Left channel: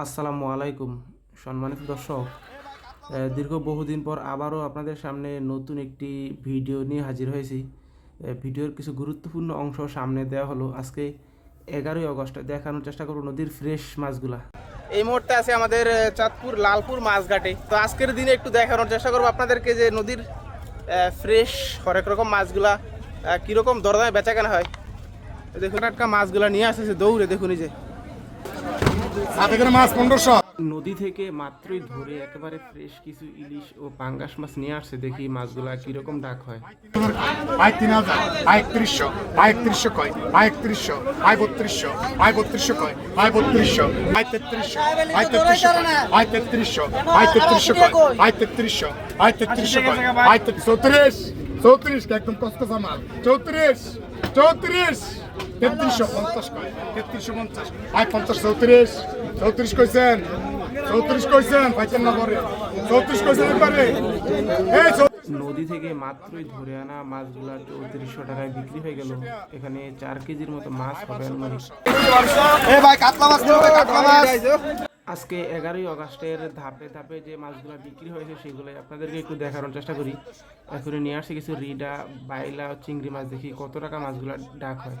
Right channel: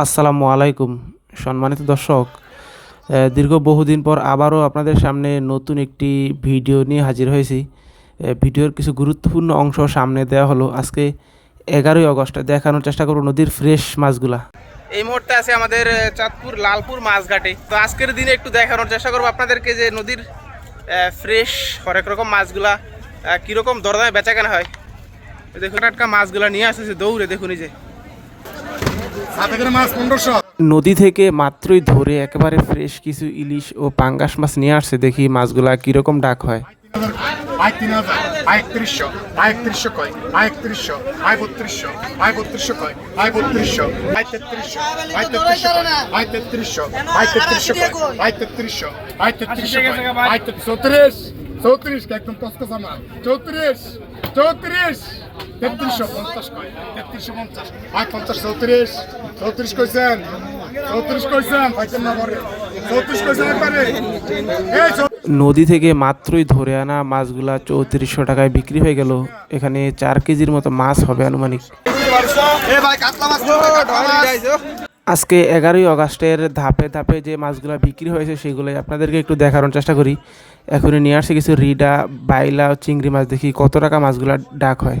আসসালামু আলাইকুম, সম্মানিত দর্শক। দীর্ঘ বহুদিন পর আবারও আপনাদের সামনে নতুন একটি ভিডিও নিয়ে হাজির হয়েছি। ভিডিওর কিছু গুরুত্বপূর্ণ অংশ সামনে দেওয়া হলো। আজকে এগারোই আগস্ট দেখানোর চেষ্টা করব নদীর ফ্রেশ মাছগুলা। এই মুহূর্তে আছে আমাদের চাঁদপুর লালপুর মাছঘাটে। তো আজকের দিনে একটু দেখানোর চেষ্টা করব আপনাদেরকে যে নদীর ফ্রেশ হরেক রকম মাছগুলা কীরকম দরদামে বেচা কেনা হয় দেখুন টাটকা মাছগুলা নিয়ে আসতেছে দৌড়ে, দেখুন এই যে। নদী থেকে মাত্রই ধরে একেবারে ফ্রেশ কিছু ইলিশ ও পাঙ্গাস মাছ নিয়ে আসছে দেখি মাছগুলা কীরকম ডাক হয়। চৌত্রিশ। চৌত্রিশ একদম কষ্ট আমার চৌত্রিশ চৌত্রিশ। তেত্রিশশো পঞ্চাশ তেত্রিশশো পঞ্চাশ। আয় পঞ্চাশ চৌত্রিশ। চৌত্রিশ কইছেন? চৌত্রিশ কইছেন? পাইছেন না পরে। চৌত্রিশ কইছেন একবারে এই নদী থেকে মাত্রই ধরে আনা মাছগুলা চৌত্রিশশো টাকায় বিক্রি হয়ে গেল। এখানে চার কেজির মতো মাছ হবে আনুমানিক। আজকে এগারোই আগস্টের ধাপে ধাপে যে মাছগুলো বিক্রি হয়েছে, সেগুলোই আপনাদেরকে একটু দেখানোর চেষ্টা করি। এখনই নিয়ে আসছে কিছু রিডা, বাইলা, চিংড়ি মাছ দেখি কত টাকা মাছগুলা ডাক হয়।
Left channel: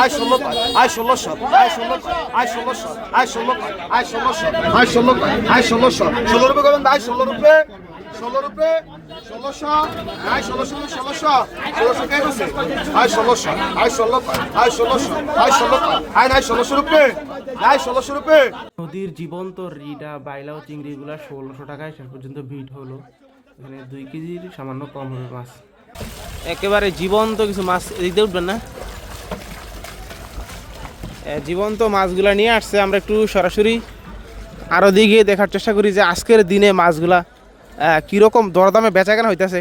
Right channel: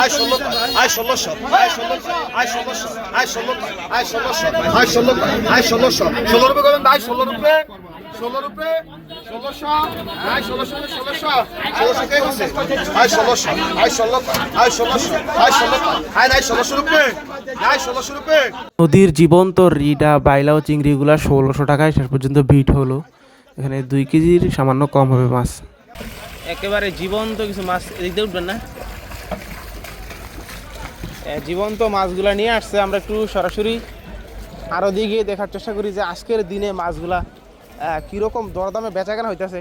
আয় ষোলো আয় ষোলো আয় ষোলো আয় ষোলো ষোলোশো নদীর জীবন্ত রিডা বাইলাও চিংড়িগুলা ষোলোশো টাকায় শেষ পর্যন্ত ভিট হলো। এখানে দুই কেজির সামান্য কম হবে মাছ। একেবারে জীবন্ত কিছু মাছ দিতে উঠবেন না। জীবন্ত মাছগুলা নিয়ে আসছে। আমরা একটু সরাসরি আরও দিকে দেখার চেষ্টা করি যে আজকের দিনে মাছগুলা কীরকম দরদামে বেচা কেনা হইতেছে।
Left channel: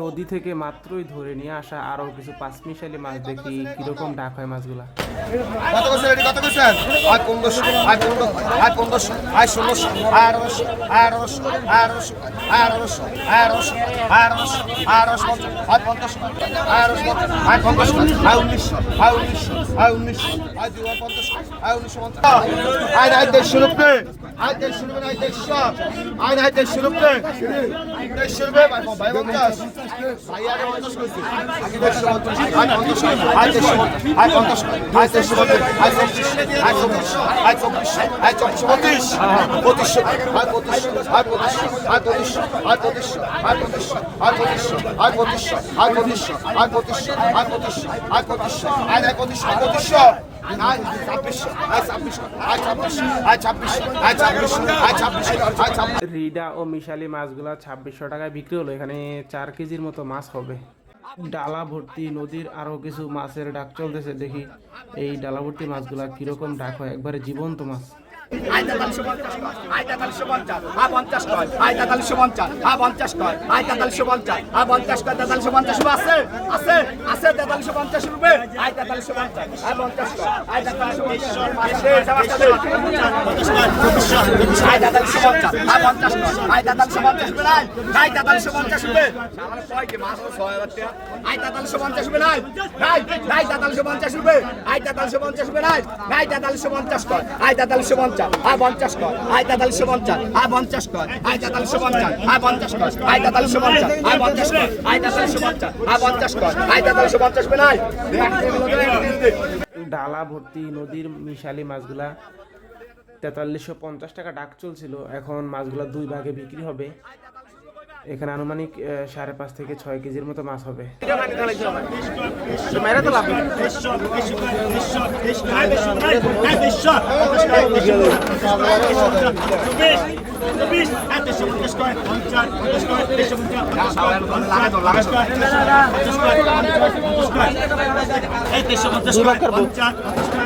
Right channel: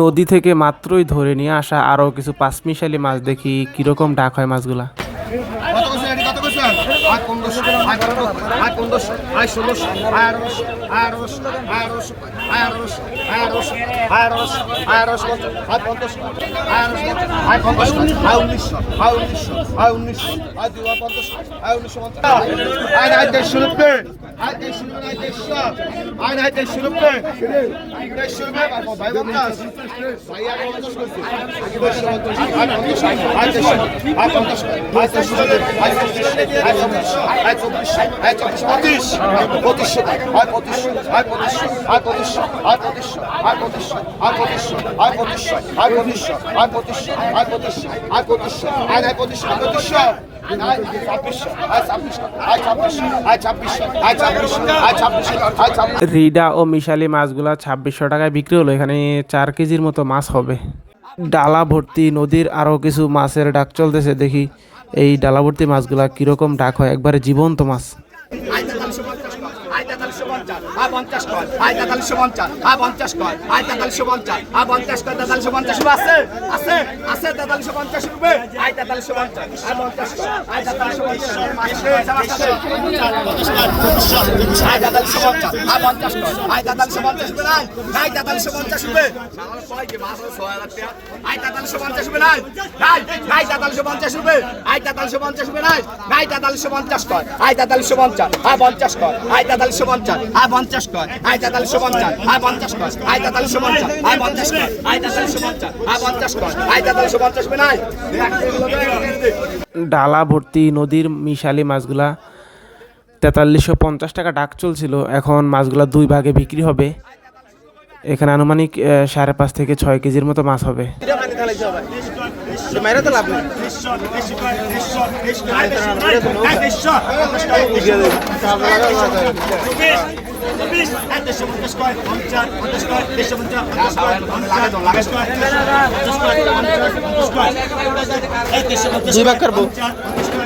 নদী থেকে মাত্রই ধরে নিয়ে আসা আরও কিছু পাঁচমিশালি মাছ দেখি, কীরকম ডাক হয় মাছগুলা। কত আরস আরস আরস আরস আয় পঞ্চাশ আরস আয় পঞ্চাশ আয় উনিশশো আয় উনিশশো আয় উনিশশো আয় দু পঞ্চাশ আয় উনিশশো পঞ্চাশ। আয় আয় দেড়শো Hij deed Shilub en hij deed Shaab. En hij deed Shilub Ken. Hij deed Shilub en bij Wankas. I got this shot. রিডা ও মিশালি মাছগুলা ছাব্বিশশো টাকায় বিক্রি হলো। এখানে চার কেজির মতো মাছ হবে। ডালা ভর্তি নদীর আরও কিছু মাছের ডাক চলতেছে। দেখি এই ডালা ভর্তি মাছগুলা কীরকম ডাক হয়। একবারে জীবন্ত মাছ। পঞ্চাশ আয় পঞ্চাশ কয় আয় তেতাল্লিশশো পঞ্চাশ আয় কয় আয় তেতাল্লিশশো পঞ্চাশ আয় পঞ্চাশ কয় তেতাল্লিশশো পঞ্চাশ আছে আছে আছে তেতাল্লিশশো পঞ্চাশ রুপে আয় তেতাল্লিশশো পঞ্চাশ আয় পঞ্চাশ কয় আয় তেতাল্লিশশো পঞ্চাশ আয় তেতাল্লিশশো পঞ্চাশ আয় পঞ্চাশ কয় আয় তেতাল্লিশশো পঞ্চাশ রুপে নাই আয় তেতাল্লিশশো পঞ্চাশ রুপে আয় তেতাল্লিশশো পঞ্চাশ রুপে নাই নাই নাই তেতাল্লিশশো পঞ্চাশ রুপে আয় কয় আয় তেতাল্লিশশো পঞ্চাশ আয় পঞ্চাশ আয় পঞ্চাশ কয় আয় তেতাল্লিশশো পঞ্চাশ আয় পঞ্চাশ কয় আয় তেতাল্লিশশো পঞ্চাশ আয় পঞ্চাশ কয় আয় তেতাল্লিশশো পঞ্চাশ আয় পঞ্চাশ কয় আয় তেতাল্লিশশো পঞ্চাশ ডালা ভর্তি নদীর মিশালি মাছগুলা তেতাল্লিশশো পঞ্চাশ টাকা ডাক চলছিল এখন মাছগুলা দুই ভাগে বিক্রি হবে। এখানে আনুমানিক সাড়ে পাঁচ থেকে ছয় কেজির মতো মাছ হবে। চব্বিশ দেড়শো পঞ্চাশ কয় পঞ্চাশ পঞ্চাশ কয় দেড়শো পঞ্চাশ পঞ্চাশ কয় পঞ্চাশ পঞ্চাশ কয় পঞ্চাশ কয় পঞ্চাশ পঞ্চাশ কয়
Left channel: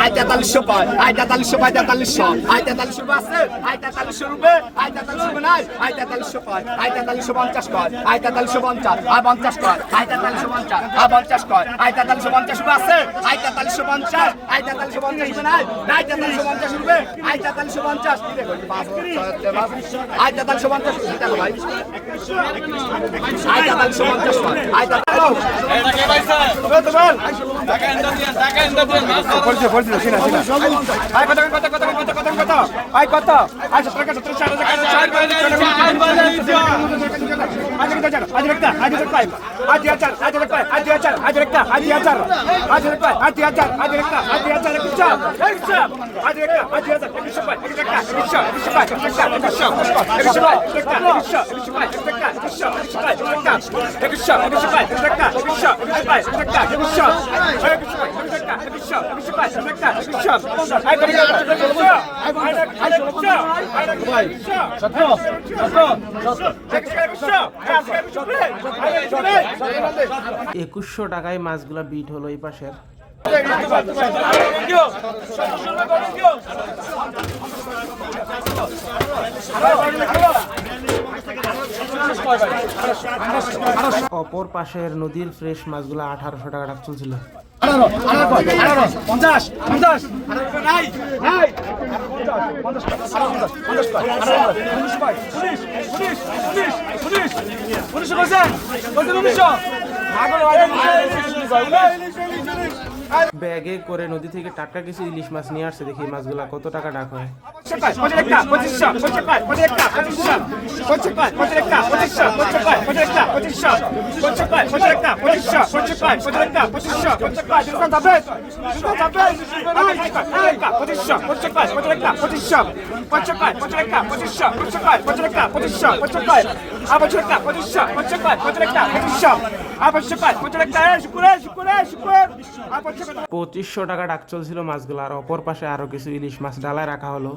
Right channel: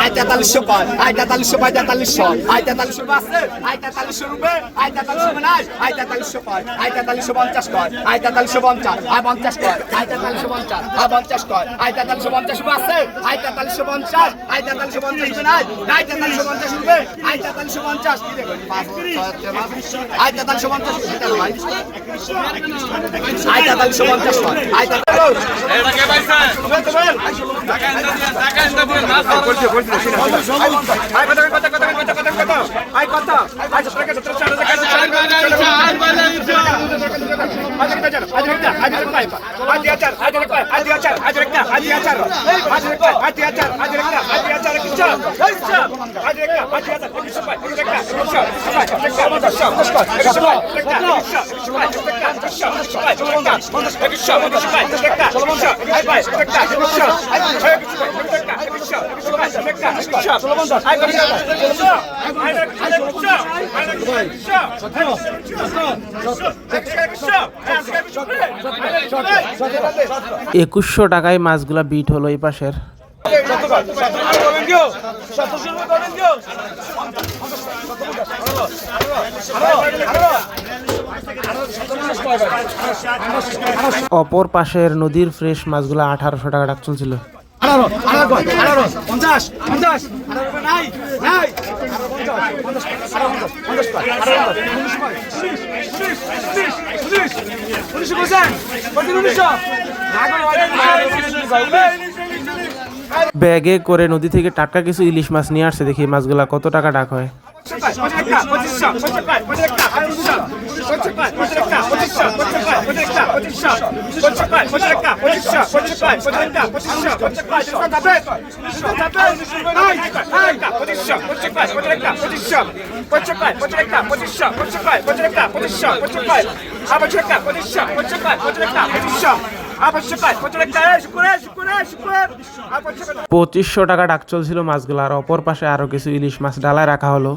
আয় তেতাল্লিশশো পাঁচ আয় তেতাল্লিশশো পাঁচ তেতাল্লিশশো আয় তেতাল্লিশশো পাঁচ আয় তেতাল্লিশশো রুপে আয় তেতাল্লিশশো উনাশ আয় তেতাল্লিশশো পাঁচ আয় তেতাল্লিশশো পঞ্চাশ কর আয় তেতাল্লিশশো পঞ্চাশ আয় পঞ্চাশ কর আয় তেতাল্লিশশো পঞ্চাশ আয় পঞ্চাশ কর আয় তেতাল্লিশশো পঞ্চাশ রুপে আছে আয় তেতাল্লিশশো পঞ্চাশ আয় তেতাল্লিশশো পঞ্চাশ উনাশ আয় তেতাল্লিশশো পঞ্চাশ রুপে আয় তেতাল্লিশশো পঞ্চাশ আয় তেতাল্লিশশো পঞ্চাশ আয় তেতাল্লিশশো পঞ্চাশ আয় তেতাল্লিশশো পঞ্চাশ Shut up. একুশশো টাকায় মাছগুলা বিট হলো এই পাশের। অপর পাশের নদীর ফ্রেশ মাছগুলা আঠারোশো টাকা ডাক চলছিল। আঠারো আঠারো আঠারো পঞ্চাশ পঞ্চাশ উনিশশো উনিশশো ব্যাগে করে নদী থেকে টাটকা কিছু ইলিশ মাছ নিয়ে আসছে দেখি মাছগুলা কত টাকা ডাক হয়। পঁচিশশো টাকা ডাক চলছিল মাছগুলো, আর অপর পাশে আরও কিছু ইলিশ মাছ ডালায় রাখা হলো।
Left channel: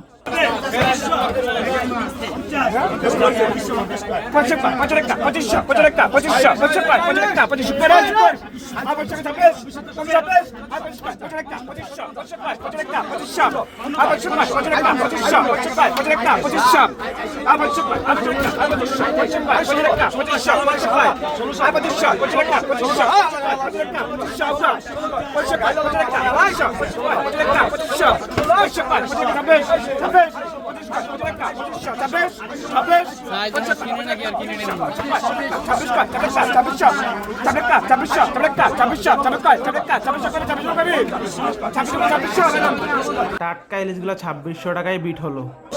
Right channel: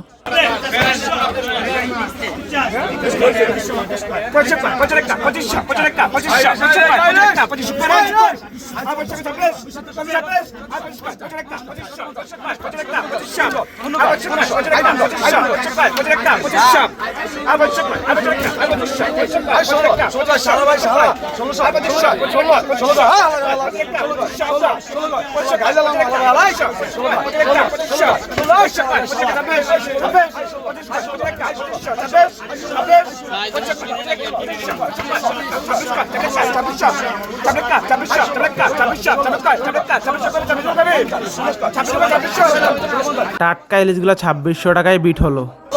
Pode checar, pode checar, pode checar, pode checar, pode checar, pode checar, pode checar, pode checar, pode checar, pode checar, pode checar, pode checar, pode checar, pode checar, pode checar, pode checar, pode checar, pode checar, টাটকা ইলিশগুলো ছাব্বিশশো টাকায় bit হলো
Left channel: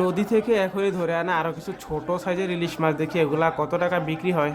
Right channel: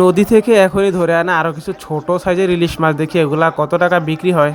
নদী থেকে এখনই ধরে আনে আরও কিছু ছোট সাইজের ইলিশ মাছ দেখি এগুলা কত টাকা বিক্রি হয়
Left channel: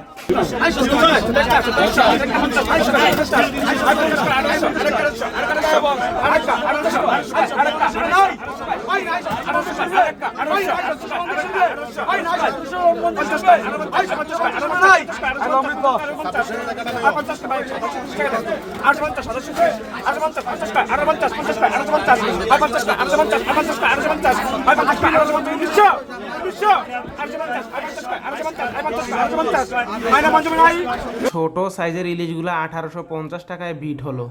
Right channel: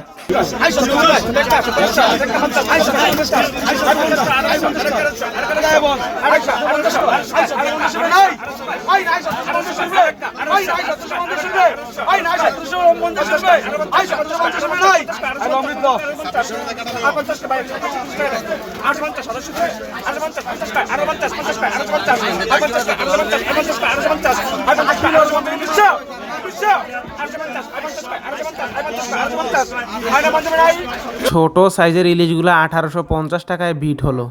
ছোট সাইজের ইলিশগুলো আঠারোশো পঞ্চাশ টাকায় বিট হলো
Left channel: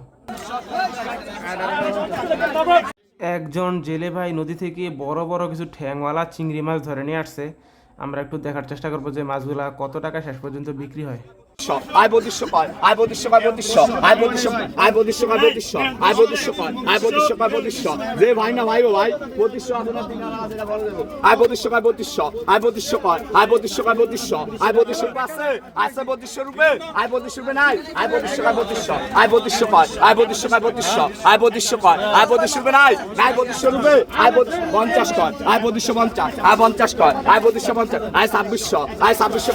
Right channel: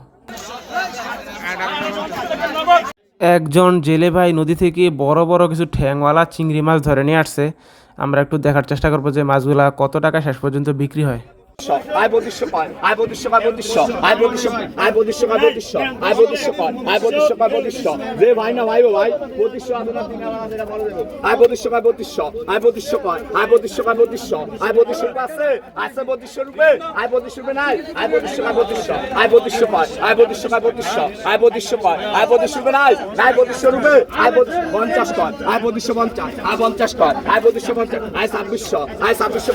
একজন জেলে ভাই নদী থেকে বড় বড় কিছু ঠ্যাংওয়ালা চিংড়ি মাছ ধরে নিয়ে আসছে। আমরা একটু দেখার চেষ্টা করব যে মাছগুলা কত টাকা শেষ পর্যন্ত বিক্রি হয়। আয় বদিশ্য কর আয় বদিশ্য কর বদিশ্য আয় বদিশ্য আয় বদিশ্য কর বদিশ্য আয় বদিশ্য কর আয় বদিশ্য কর বদিশ্য রে ভাই না ভাই ভাই বদিশ্য আপনারা তিন আয় বদিশ্য কর বদিশ্য আয় বদিশ্য কর আয় বদিশ্য পঞ্চাশ কর আয় পঞ্চাশ কর আয় বদিশ্য আয় ছাব্বিশশো আয় ছাব্বিশশো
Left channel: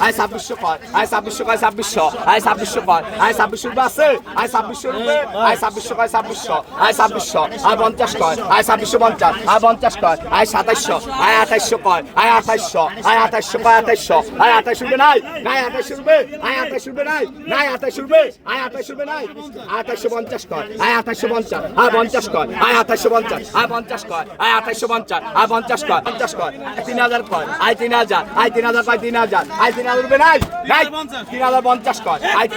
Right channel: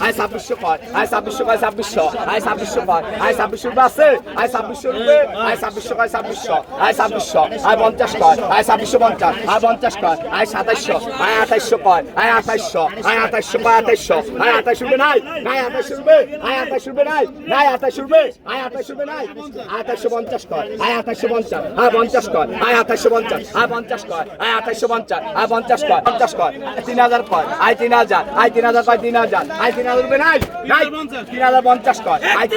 আয় ছাব্বিশশো আয় ছাব্বিশশো কয় ছাব্বিশশো আয় ছাব্বিশশো কয় আয় ছাব্বিশশো আছে আয় ছাব্বিশশো রূপে আয় ছাব্বিশশো কয় ছাব্বিশশো আয় ছাব্বিশশো আয় পঞ্চাশ কয় আয় ছাব্বিশশো পঞ্চাশ আয় পঞ্চাশ কয় আয় সাতাইশশো আয় আঠাইশশো কয় আয় আঠাইশশো আয় আঠাইশশো কয় আঠাইশশো আয় আঠাইশ রূপে নাই নাই আঠাইশ রূপে আয় আঠাইশ রূপে নাই নাই আঠাইশ রূপে আয় আঠাইশ রূপে নাই আঠাইশশো পঞ্চাশ কয় আয় আঠাইশশো পঞ্চাশ আয় পঞ্চাশ কয় আয় আঠাইশশো পঞ্চাশ আয় পঞ্চাশ কয় আয় আঠাইশশো পঞ্চাশ আয় পঞ্চাশ কয় পঞ্চাশ কয় তিন হাজার কয় আয় তিন হাজার আয় তিন হাজার কয় তিন হাজার আয় তিন হাজার রূপে নাই নাই তিন হাজার পঞ্চাশ কর। আয়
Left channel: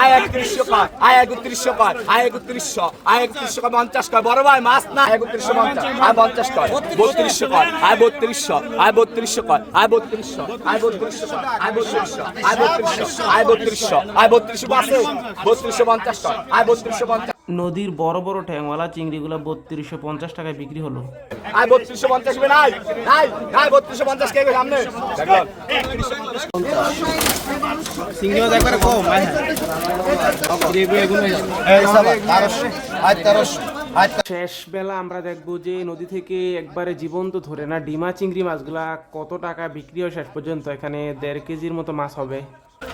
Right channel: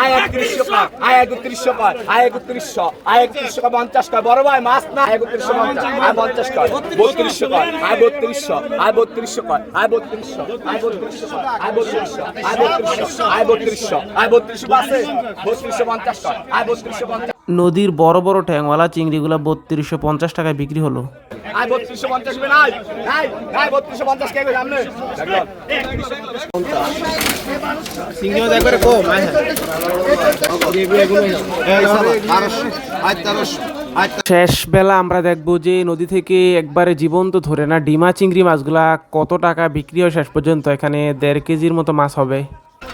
আয় একত্রিশশো কয় আয় একত্রিশশো কয় আয় একত্রিশশো আয় একত্রিশশো কয় পঞ্চাশ কর। বড় ভাই, মাছ না একত্রিশশো পঞ্চাশ আয় পঞ্চাশ কয় বত্রিশশো কয় আয় বত্রিশশো আয় বত্রিশশো কয় আয় বত্রিশশো আয় বত্রিশশো আয় বত্রিশশো আয় বত্রিশশো আয় বত্রিশশো আয় বত্রিশশো আছে। বত্রিশশো পঞ্চাশ কর আয় নদীর বড় বড় ট্যাংওয়ালা চিংড়িগুলো বত্রিশশো পঞ্চাশ টাকায় বিক্রি হলো। শেষ বেলা আমরা দেখব যে নদী থেকে একবারে জীবন্ত ধরে না ডিমা চিংড়ি মাছগুলা কত টাকা বিক্রি হয় শেষ পর্যন্ত? এখানে দেড় কেজির মতো মাছ হবে।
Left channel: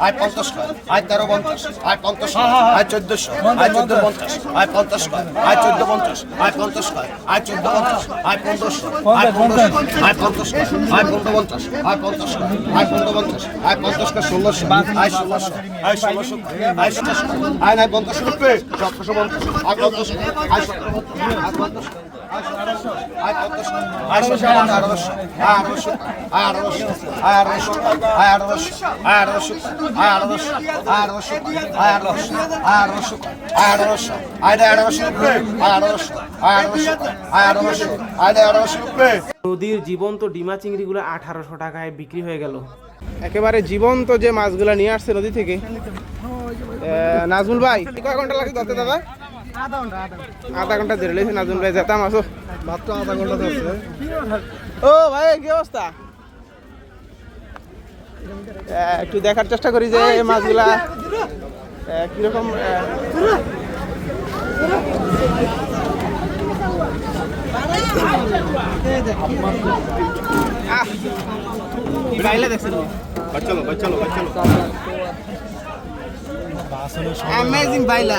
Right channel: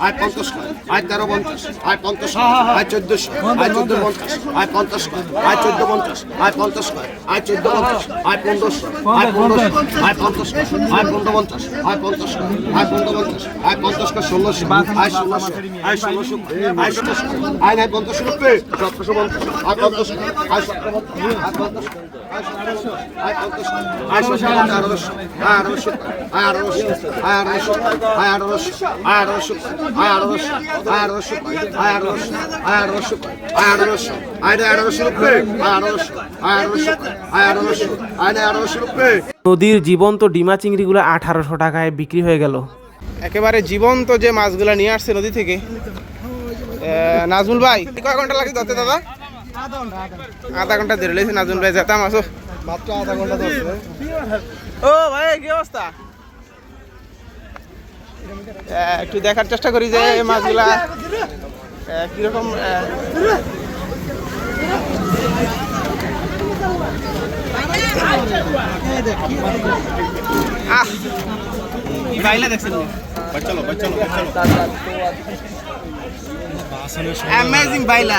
আয় পঞ্চাশ আয় তেরো পঞ্চাশ আয় পঞ্চাশ আয় চোদ্দশো আয় চোদ্দ পঞ্চাশ আয় পঞ্চাশ আয় চোদ্দ পঞ্চাশ আয় পঞ্চাশ আয় চোদ্দ পঞ্চাশ আয় পনেরোশো আয় পনেরোশো আয় পঞ্চাশ আয় পনেরো পঞ্চাশ আয় পঞ্চাশ আয় পনেরো পঞ্চাশ আয় পঞ্চাশ ষোলোশো আয় ষোলোশো আয় ষোলোশো আয় ষোলোশো আয় নাই পঞ্চাশ রুপে সতেরোশো পঞ্চাশ আয় পঞ্চাশ আয় সতেরো আয় পঞ্চাশ নদীর জীবন্ত ডিমা চিংড়িগুলো আঠারোশো টাকায় বিক্রি হয়ে গেল। একেবারে জীবন্ত যে মাছগুলো নিয়ে আসছে নদী থেকে। নাজমুল ভাই, কয় ঘণ্টা লাগছে দাদা? আধা ঘণ্টা ধরে লেছে নাজমুল ভাই যেতাম আসো। মাত্র আধা ঘণ্টা ধরছে ও ভাই কি অবস্থা? একটু দেখার চেষ্টা করি যে এই মাছগুলা কীরকম আহ, বাইলা দেখছেন চলো চলো চলো। অ্যামেজিং বাইলা।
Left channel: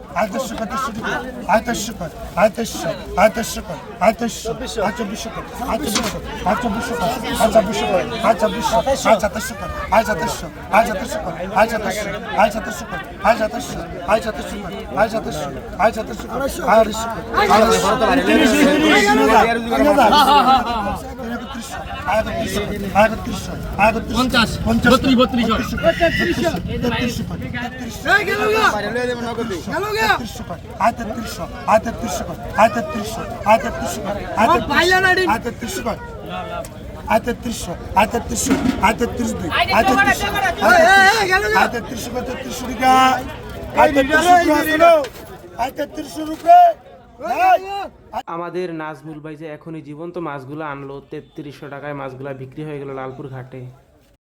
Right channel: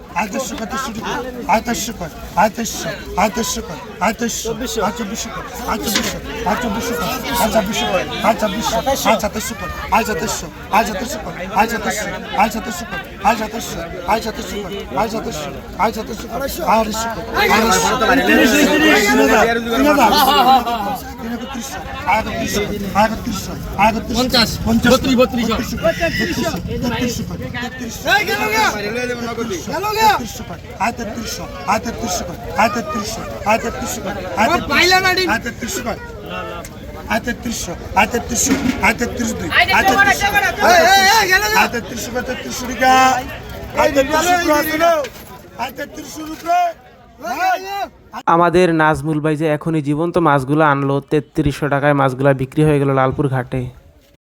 আয়তস্য কত শুরু করে আয়তস্য কর আয়তস্য আয়তস্য কর আয়তস্য আচব্বিশ কর আচব্বিশ আচব্বিশ কর আচব্বিশ কর আচব্বিশ আচাতস্য কর আচাতস্য আচাতস্য কর আচাতস্য আচাতস্য কর আচাতস্য আচাতস্য কর আচাতস্য আচাতস্য কর আয়তস্য কর আয়তস্য কর আটত্রিশশো আটত্রিশশো আটত্রিশ দুই আটত্রিশ আটত্রিশ আটত্রিশ আটত্রিশ আটত্রিশ রুপিয়া আমাদের নাজমুল ভাই যে এখনই জীবন্ত মাছগুলো আনলো, তেত্রিশশো টাকায় মাছগুলো বিক্রি হয়ে গেল লালপুর ঘাটে